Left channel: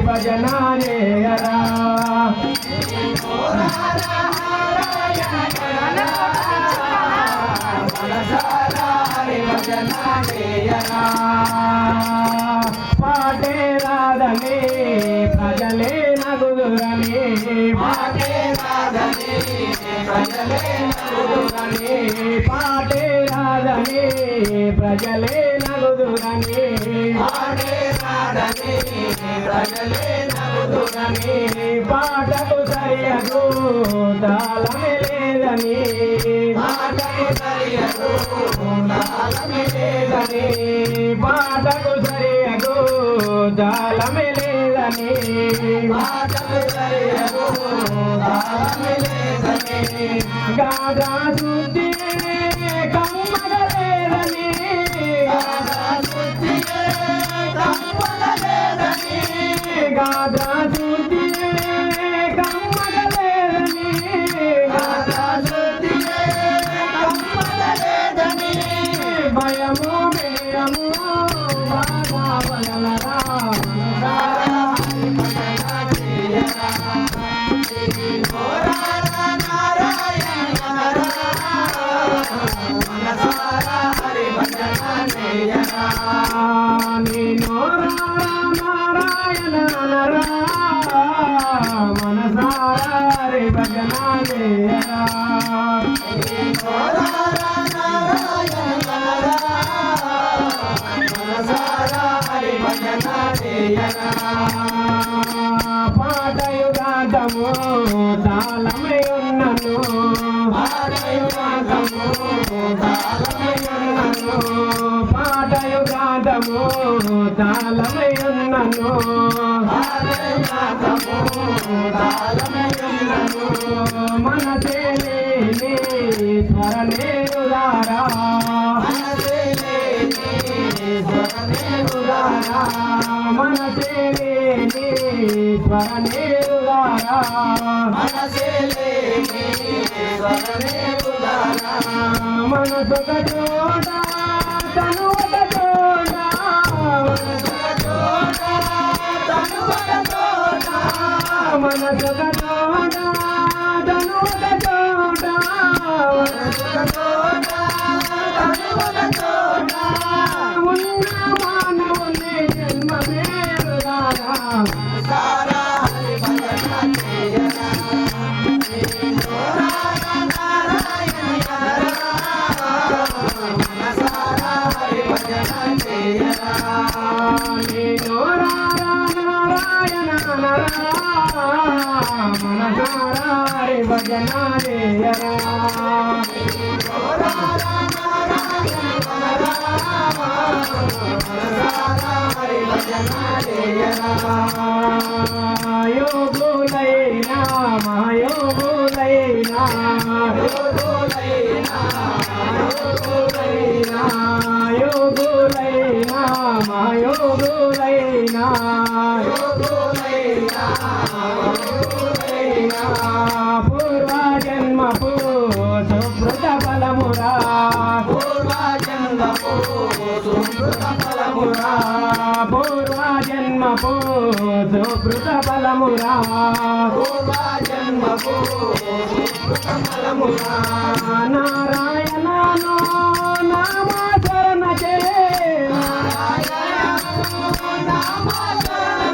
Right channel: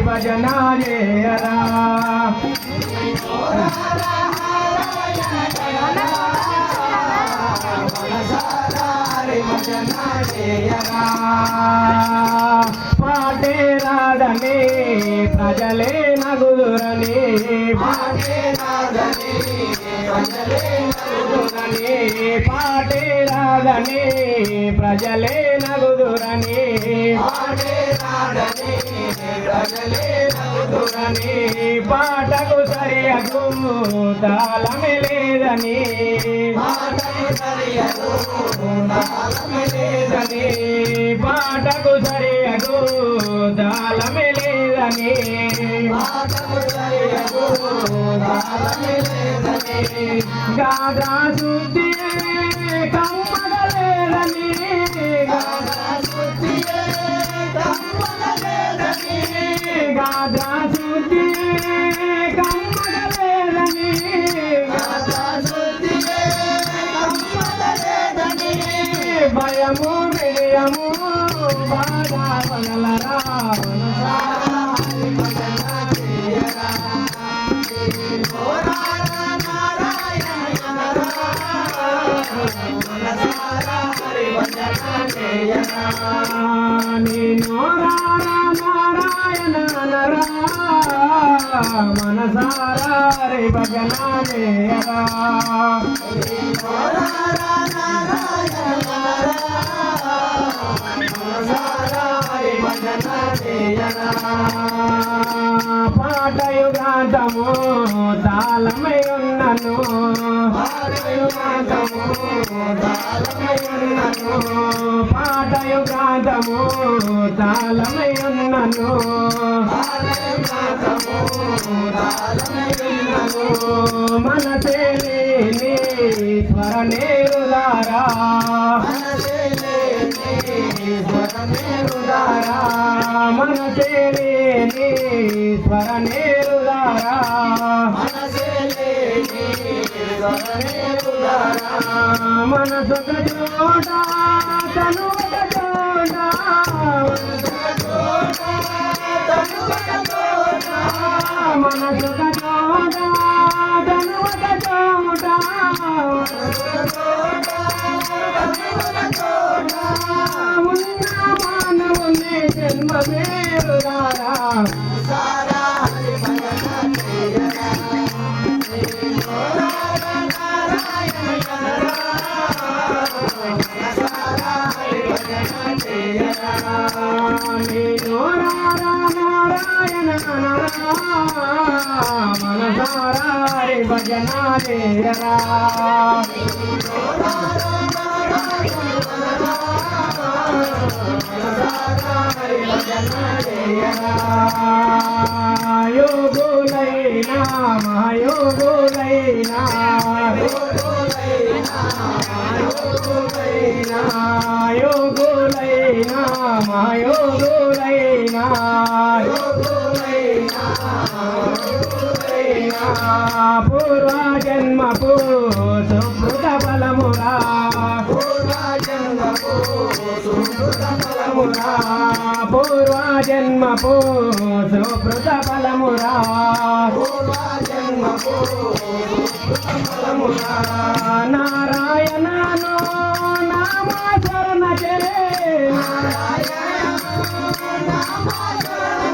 భజన చేయరా పాటే రాధనే ప్రజలే నగుదురని పాటే రాధనే ప్రజలే నగుదురని పాటకు సరియకు తాళమే లేదని పాటకు సరియకు తాళమే లేదని గాదా శుద్ధి కమ్మగలేదని గాదా శుద్ధి కమ్మగలేదని భయము భయము బాధ నేను నారాయణ మనసారా రే భజన చేయరా పాటయుగాంతము తాళమే ఉన్నను పాటయుగాంతము తాళమే ఉన్నను మనసే లేని స్మరణే ఉదారా మనసే లేని స్మరణే ఉదారా మనసు ఒక చోట తను ఒక చోట మనసు ఒక చోట తను ఒక చోట ఉన్న మానవులే జన్మమే ఉదారా నేను నారాయణ మనసారా భజన చేయరా యోగులైనా మహాయోగులైనా మహాయోగులైనా పూర్వజన్మపు సుకృత ఫలమురా పూర్వజన్మపు సుకృత ఫలమురా నారాయణను నామస్మరణ చే నారాయణ నామస్మరణ